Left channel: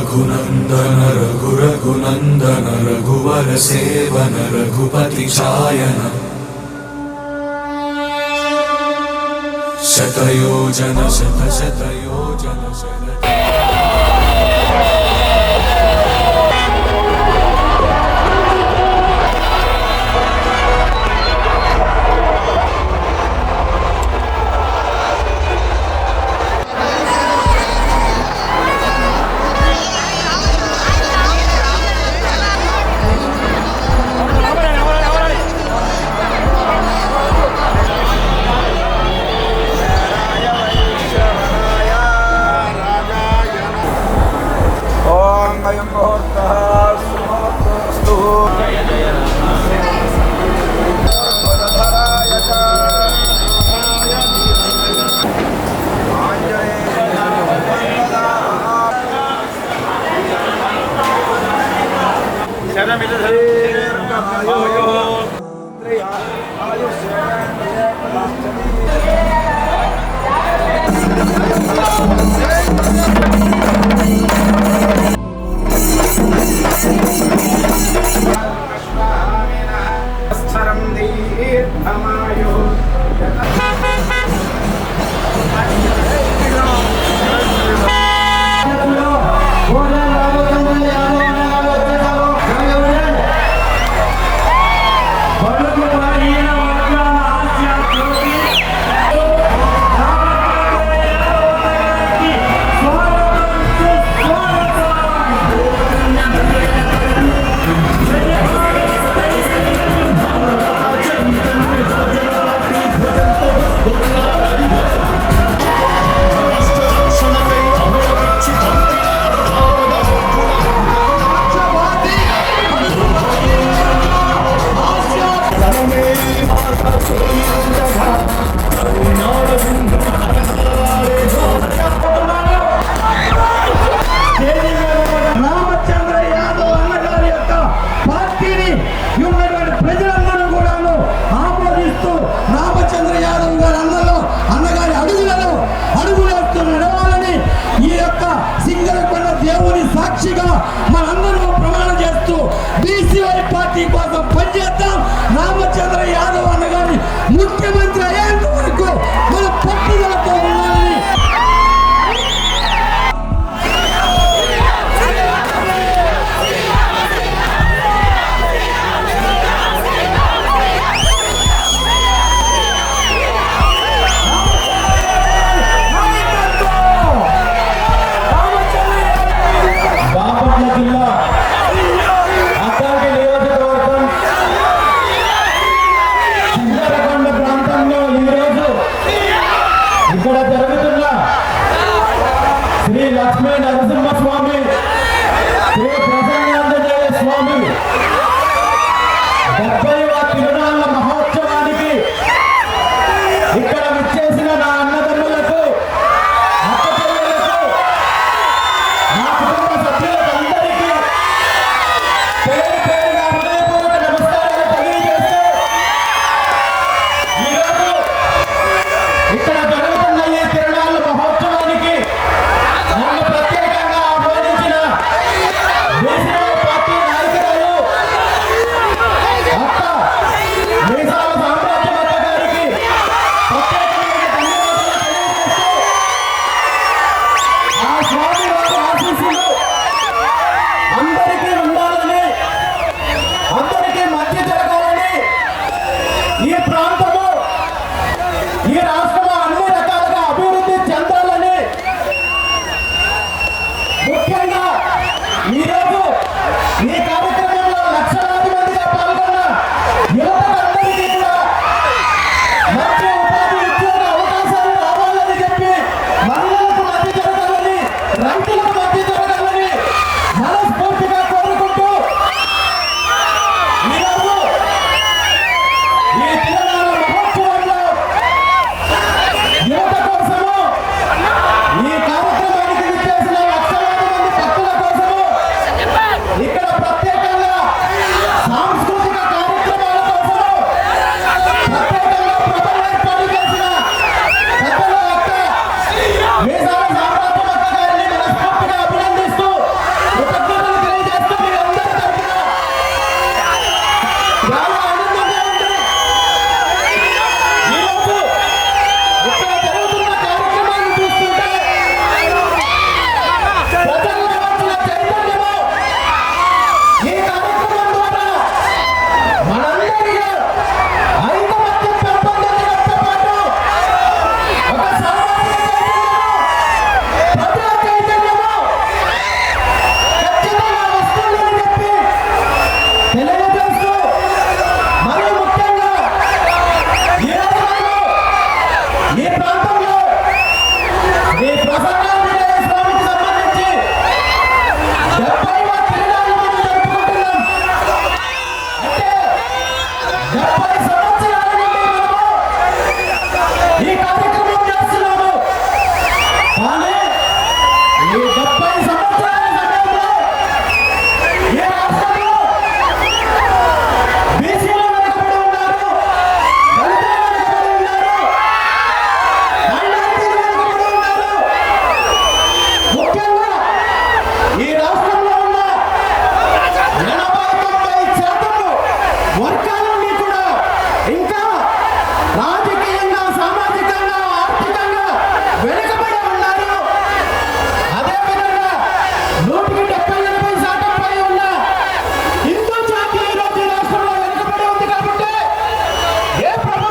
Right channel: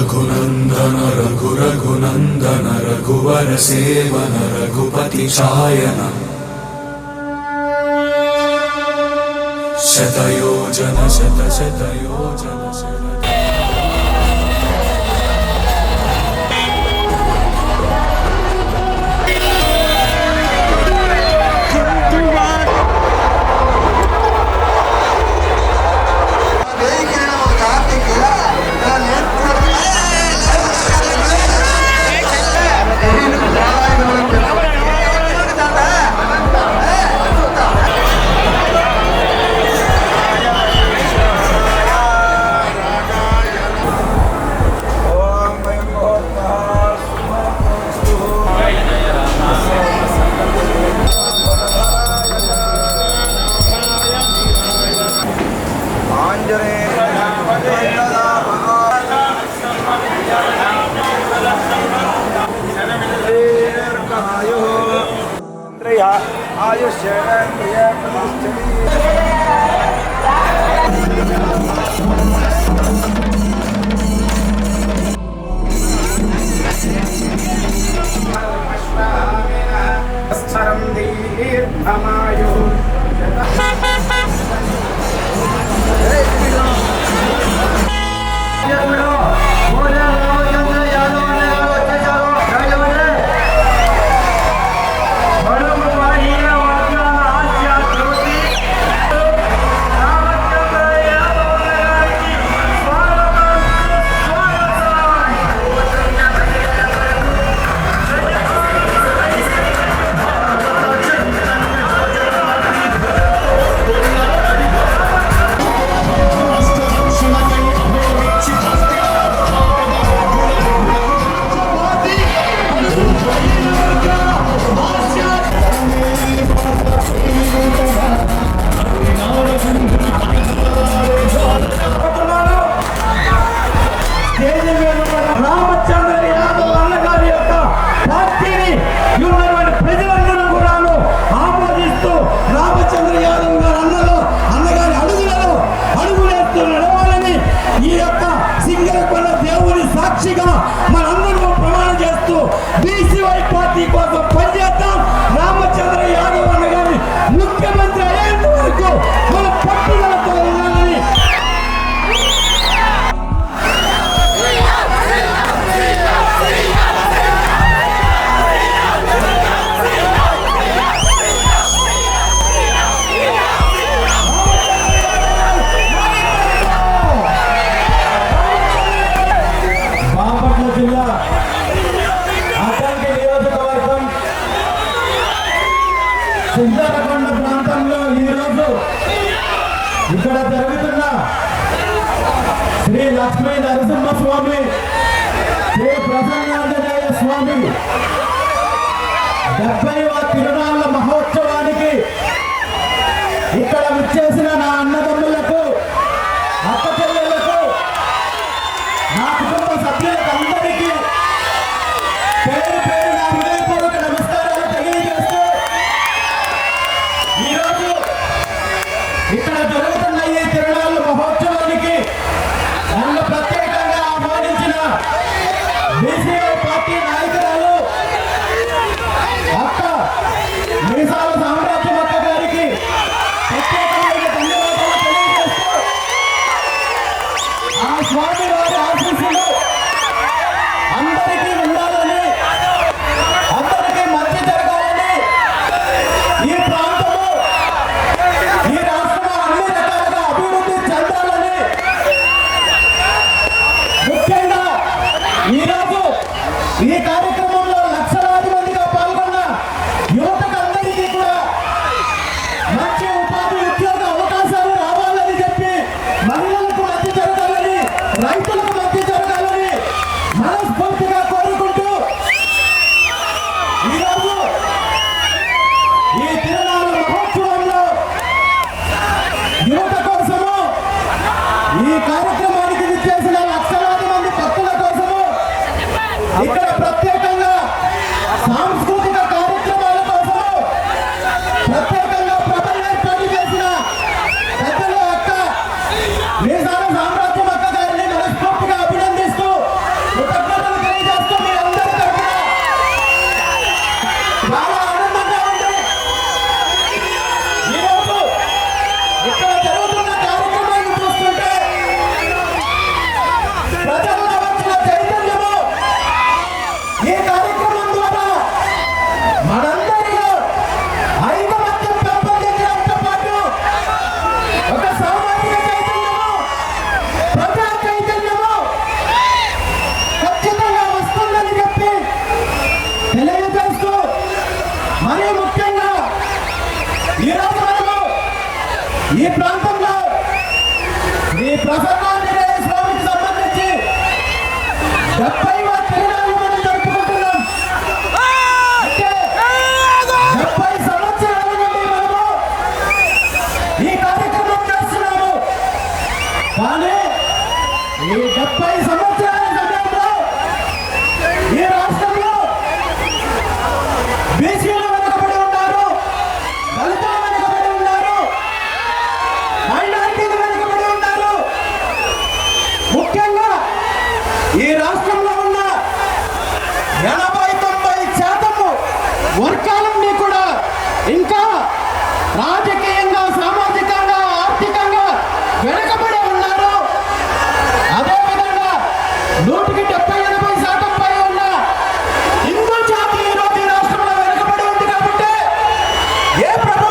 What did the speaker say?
रघुनन्दन रघु रघुनन्दन रघुवर सेवन रघुपति चायन शतयोजन शत शतयोजन సాక్షిగా మనందరూ ప్రమాణం చేస్తూ బీసీవై పార్టీ కోసం పనిచేద్దాం. రామచంద్ర యాదవ్ అన్న గారిని ముఖ్యమంత్రి అయ్యేంత వరకు మన ఈ ప్రాంతంలో శ్రీ ప్రసన్నాంజనేయ స్వామికి సంబంధించి డెబ్బైవ తిరునాళ్ళు మనం జరుపుకుంటున్నాం. అంటే డెబ్బై సంవత్సరాల నుండి మనము ఈ కార్యక్రమం చేస్తున్నాము. కానీ ఈ డెబ్బై సంవత్సరాల E É para